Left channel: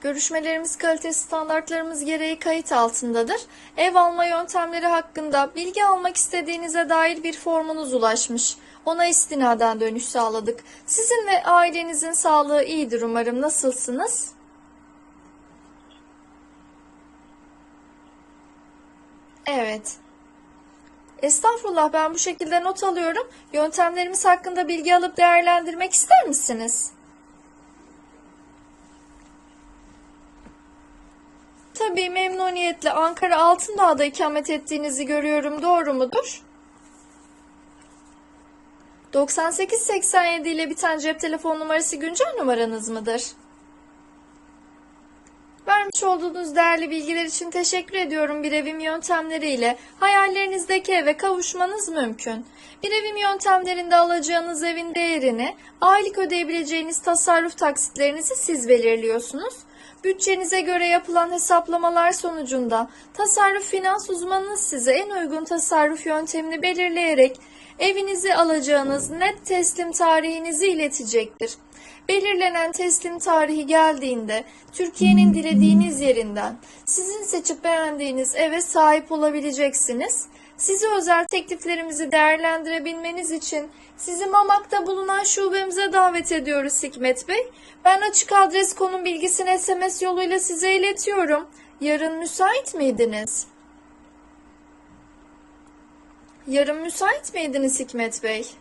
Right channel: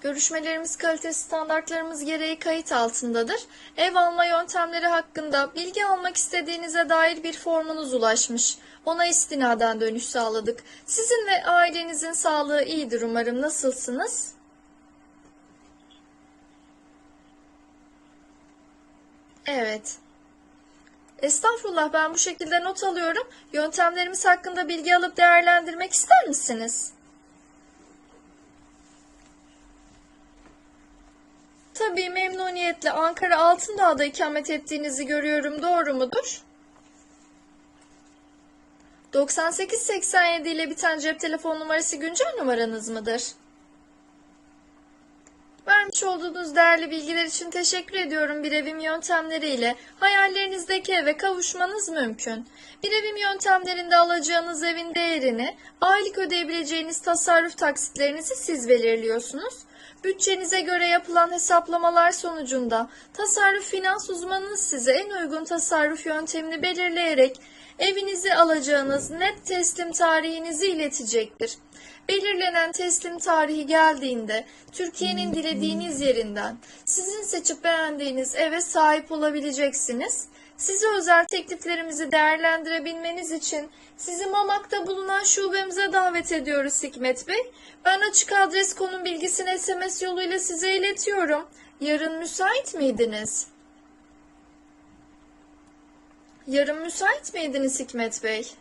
Görüşmelerimiz kalite standartlarımız gereği kayıt altındadır. Ev alma yöntemleri hakkında bilgi almak istediğinize dair bir formunuz ulaşmış. Ona istinaden dönüş sağladık. Sizin ve ailenizin sağlığı iyidir umarım. Nasılsınız? Evet. Estağfurullah ben bu şekilde not alıyorum. Yöntemlerimiz hakkında bilgi alıp değerlendirmek ister misiniz? Tabii memnuniyetle Ankara Altındağ'da ikamet ettiğinizi görüyorum. Doğru mudur? 9887 ile biten cep telefon numarası güncel numaranız mıdır? Vermiş olduğunuz değerli bilgiler için teşekkür ediyorum. Bir evim yöntemleriyle hayallerinizdeki eve kavuşmanız mümkün. Bir evim yöntemlerinde alacağınız evin değerini, aylık ödeyebileceğiniz tasarruf taksitlerinizi siz belirliyorsunuz. Bütçenize göre yapılan hesaplamalar sonucunda tasarruf finans uzmanınız size en uygun tasarruf yöntemini belirleyerek evinizi alacağınız net teslim tarihinizi iletecektir. Belirlenen teslim tarihi geldiğinde Türkiye'nin dilediğiniz yerinden sizin seçip beğendiğiniz eve sahip olabileceksiniz. Size özel tekliflerimizi değerlendirebilmeniz için sizi Mamak'ta bulunan şubemize davet ediyoruz Hikmet Bey. Ben açık adres konum bilgisini SMS yoluyla size iletiyorum. Yarın müsait miydiniz? Yarın müsait miydiniz Hikmet Bey?